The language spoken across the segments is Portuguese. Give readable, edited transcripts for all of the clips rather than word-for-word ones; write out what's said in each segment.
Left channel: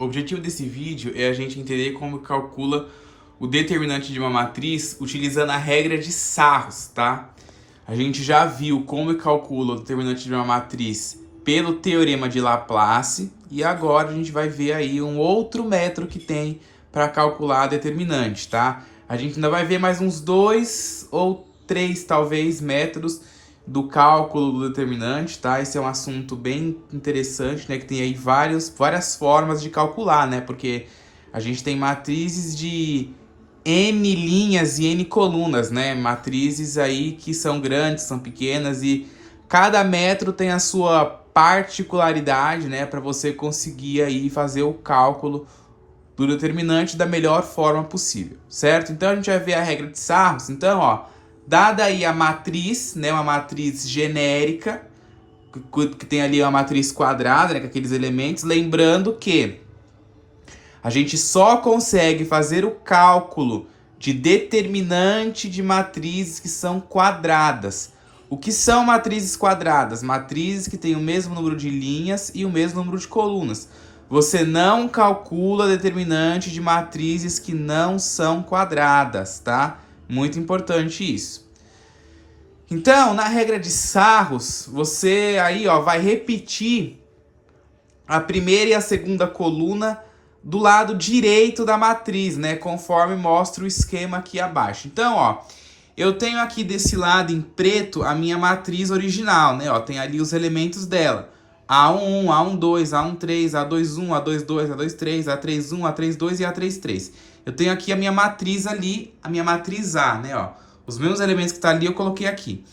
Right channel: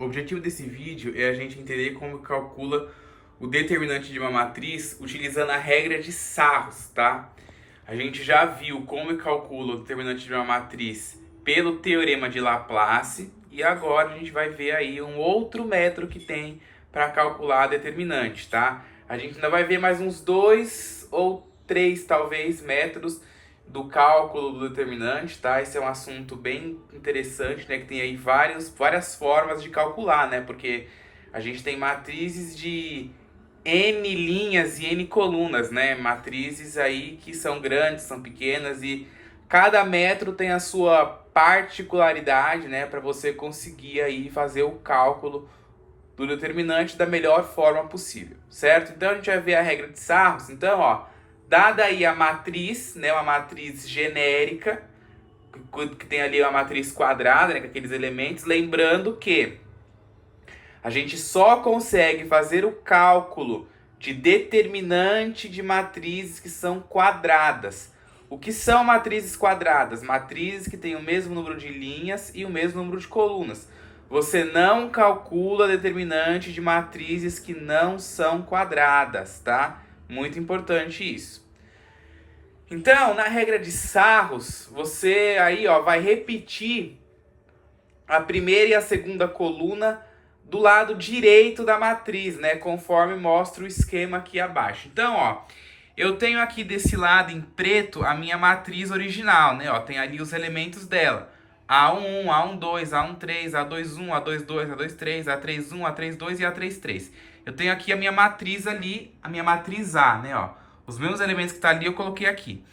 O objetivo desse vídeo é a gente entender como calcula o determinante de uma matriz utilizando a regra de Sarros, tá? A gente já viu como calcula o determinante de uma matriz pelo teorema de Laplace e agora a gente vai ver aí um outro método que tem para calcular a determinante, tá? A gente ainda vai ver mais uns 2 ou 3, talvez, métodos do cálculo do determinante, tá? Esse é um assunto bem interessante, né? Que tem aí várias formas de calcular, né? Porque a gente tem matrizes de N linhas e N colunas, né? Matrizes aí que são grandes, são pequenas e cada método tem a sua particularidade, né? Para você conseguir aí fazer o cálculo do determinante da melhor forma possível, certo? Então a gente vai ver a regra de Sarros. Então, ó, dada aí a matriz, né, uma matriz genérica, que tem ali uma matriz quadrada, né, com aqueles elementos, lembrando que a gente só consegue fazer o cálculo de determinante de matrizes que são quadradas. O que são matrizes quadradas? Matrizes que têm o mesmo número de linhas e o mesmo número de colunas. Você não calcula determinante de matrizes que não são quadradas, tá? Muito importante isso. Então, na regra de Sarros, você aí, ó, vai repetir a primeira e a segunda coluna do lado direito da matriz, né? Conforme mostra o esquema aqui abaixo. Então, ó, eu tenho aqui desse lado em preto a minha matriz original, né? Ó, tem ali os elementos dela. A11, A12, A13, A21, A22, A23, A31, A32 e A33. Eu tenho aqui a minha matriz ali, a minha matriz A, né? Ó, os meus elementos que estão ali eu coloquei aqui.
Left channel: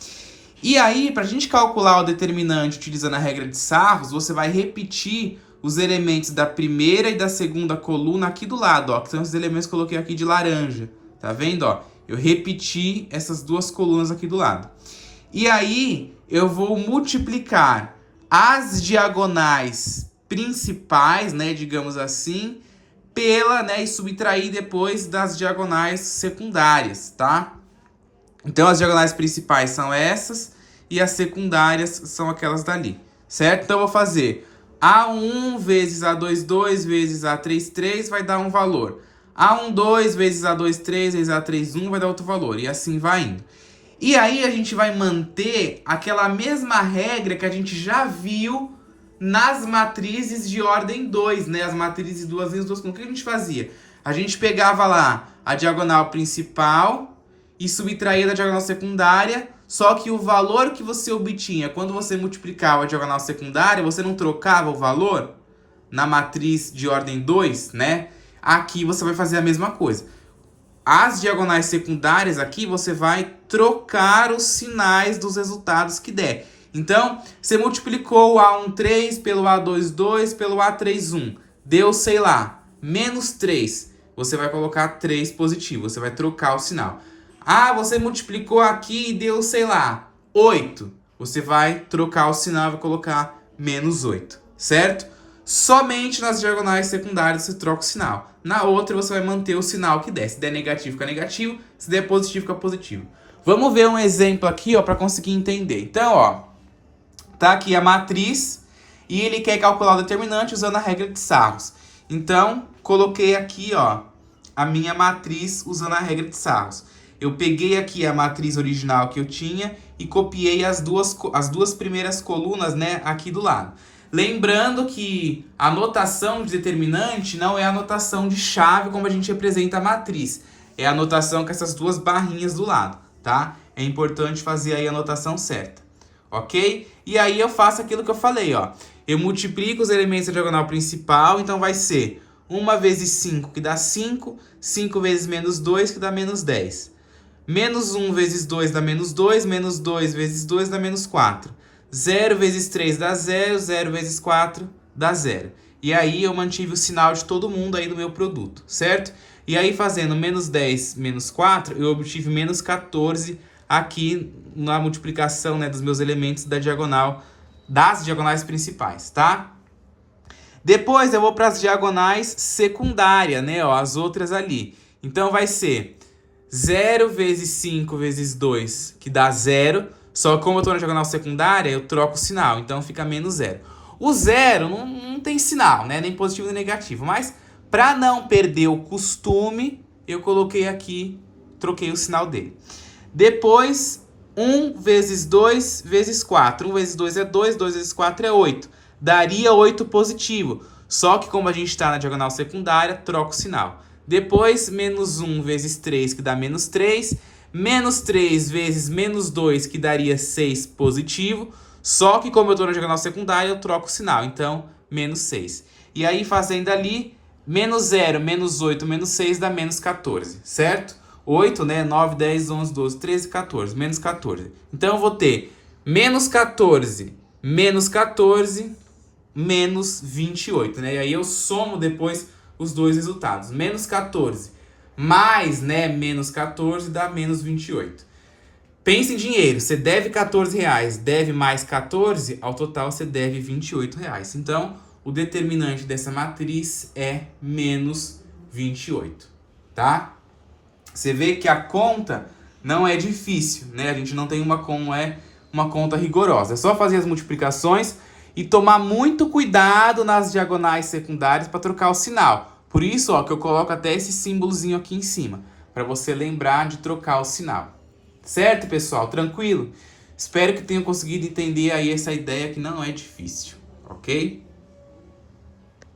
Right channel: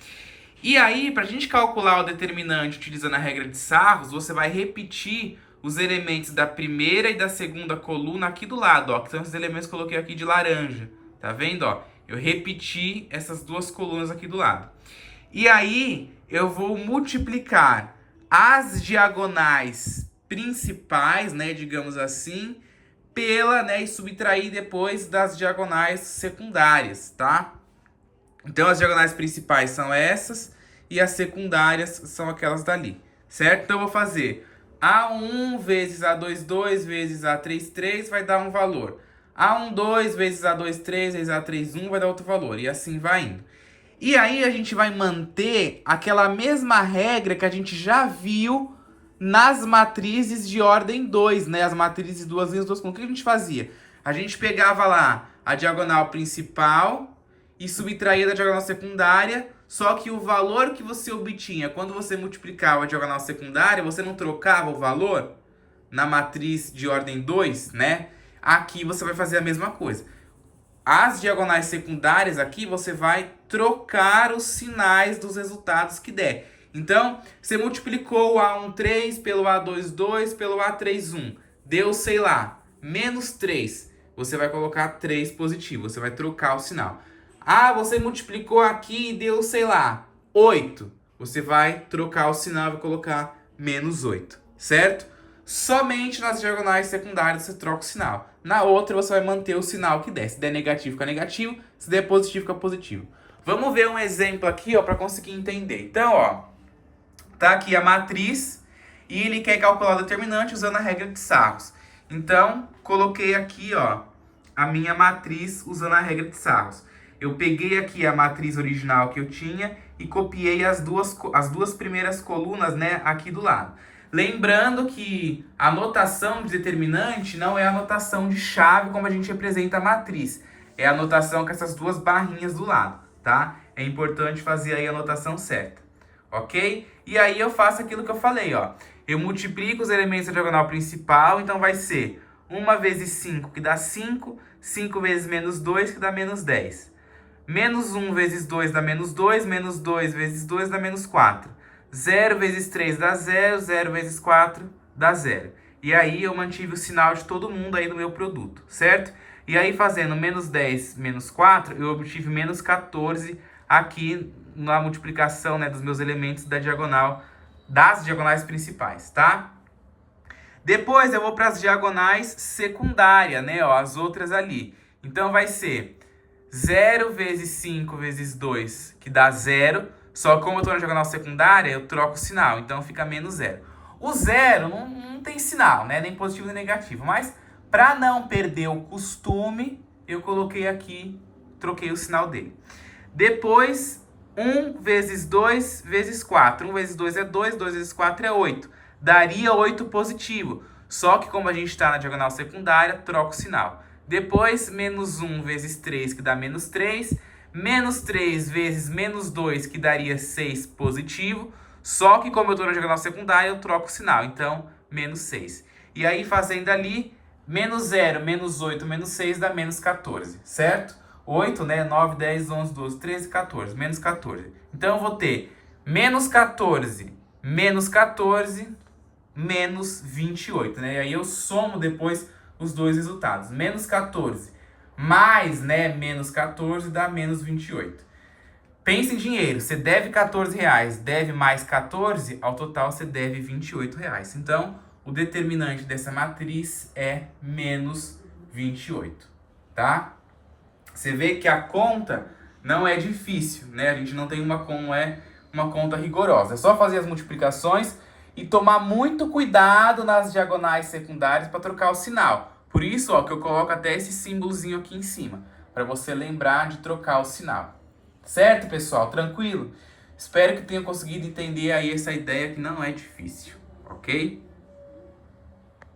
E aí, para a gente calcular o determinante utilizando a regra de Sarros, você vai repetir os elementos da primeira e da segunda coluna aqui do lado, ó, que são os elementos que eu coloquei aqui de laranja. Tá vendo, ó? Eu repeti essas duas colunas aqui do lado. E aí, eu vou multiplicar as diagonais principais, né, digamos assim, pela, né, e subtrair depois das diagonais secundárias, tá? Então, as diagonais principais são essas e as secundárias são aquelas dali, certo? Então, eu vou fazer A1 vezes A22 vezes A33 vai dar um valor. A12 vezes A23 vezes A31 vai dar outro valor. E assim vai indo. E aí a gente vai manter aquela mesma regra que a gente já viu nas matrizes de ordem 2, né? As matrizes de duas linhas, duas colunas. O que a gente fazia? A gente pegava lá a diagonal principal e subtraía da diagonal secundária, só que o valor que você obtinha quando você multiplicava a diagonal secundária, você não trocava o valor na matriz de ordem 2, né? Aqui você vai fazer a mesma coisa. As diagonais secundárias aqui, você vai trocar os sinais dos resultados que der. Então, você multiplicou o A13 pelo A22 pelo A31. Deu, sei lá, menos 3. Você vai colocar 3 positivo, você vai trocar o sinal. Ah, você multiplicou aqui e deu, sei lá, 8. Você vai trocar o sinal e vai colocar menos 8, certo? Somente nas diagonais secundárias você troca o sinal. Na outra você vai manter o sinal que der. Se der negativo, fica negativo. Se der positivo, fica positivo. Vamos ver um exemplo aqui, ó, para conseguir entender. Então, ó, tá aqui a matriz e ele quer calcular o determinante usando a regra de Sarros. Então, coloquei aqui, ó, a minha matriz usando a regra de Sarros. Eu peguei aqui a matriz original que eu tinha e copiei as duas primeiras colunas, né, aqui do lado. Lembrando que a notação de determinante não é a notação de chave como a gente representa a matriz. É a notação com essas duas barrinhas do lado, tá? É importante fazer aí a notação certa, ok? E aí eu faço aquilo que eu falei, ó. Eu multiplico os elementos da diagonal principal, então vai ser 1 vezes 5, que dá 5. 5 vezes menos 2, que dá menos 10. Menos 1 vezes 2 dá menos 2. Menos 2 vezes 2 dá menos 4. 0 vezes 3 dá 0, 0 vezes 4 dá 0. E aí eu mantive o sinal de todo mundo aí do meu produto, certo? E aí fazendo menos 10 menos 4, eu obtive menos 14 aqui na multiplicação, né, dos meus elementos da diagonal, das diagonais principais, tá? Depois eu vou para as diagonais secundárias, né, ó, as outras ali. Então vai ser 0 vezes 5 vezes 2, que dá 0. Só como eu estou na diagonal secundária, eu troco o sinal, então fica menos 0. O zero não tem sinal, né? Nem positivo nem negativo. Mas para não perder o costume, eu coloquei aqui, troquei o sinal dele. Depois, 1 vezes 2 vezes 4. 1 vezes 2 é 2, 2 vezes 4 é 8. Daria 8 positivo. Só que como a gente está na diagonal secundária, troca o sinal. Depois, menos 1 vezes 3, que dá menos 3. Menos 3 vezes menos 2, que daria 6 positivo. Só que como eu estou na diagonal secundária, eu troco o sinal. Então, menos 6. E aí, fazendo ali, menos 0, menos 8, menos 6 dá menos 14, certo? 8, né? 9, 10, 11, 12, 13, 14. Menos 14. Então, eu vou ter menos 14, menos 14, menos 28, né? E aí eu somo depois os dois resultados. Menos 14 mais, né, menos 14 dá menos 28. Pensa em dinheiro. Você deve 14 reais, deve mais 14, ao total você deve 28 reais. Então, o determinante dessa matriz é menos 28, tá? Você vê que a conta não é difícil, né? A gente não tem uma conta rigorosa. É só fazer as multiplicações e tomar muito cuidado nas diagonais secundárias para trocar o sinal. Por isso, ó, que eu coloco até esse símbolozinho aqui em cima, para você lembrar de trocar o sinal. Certo, pessoal? Tranquilo? Espero que tenham conseguido entender aí essa ideia que não é difícil, ok?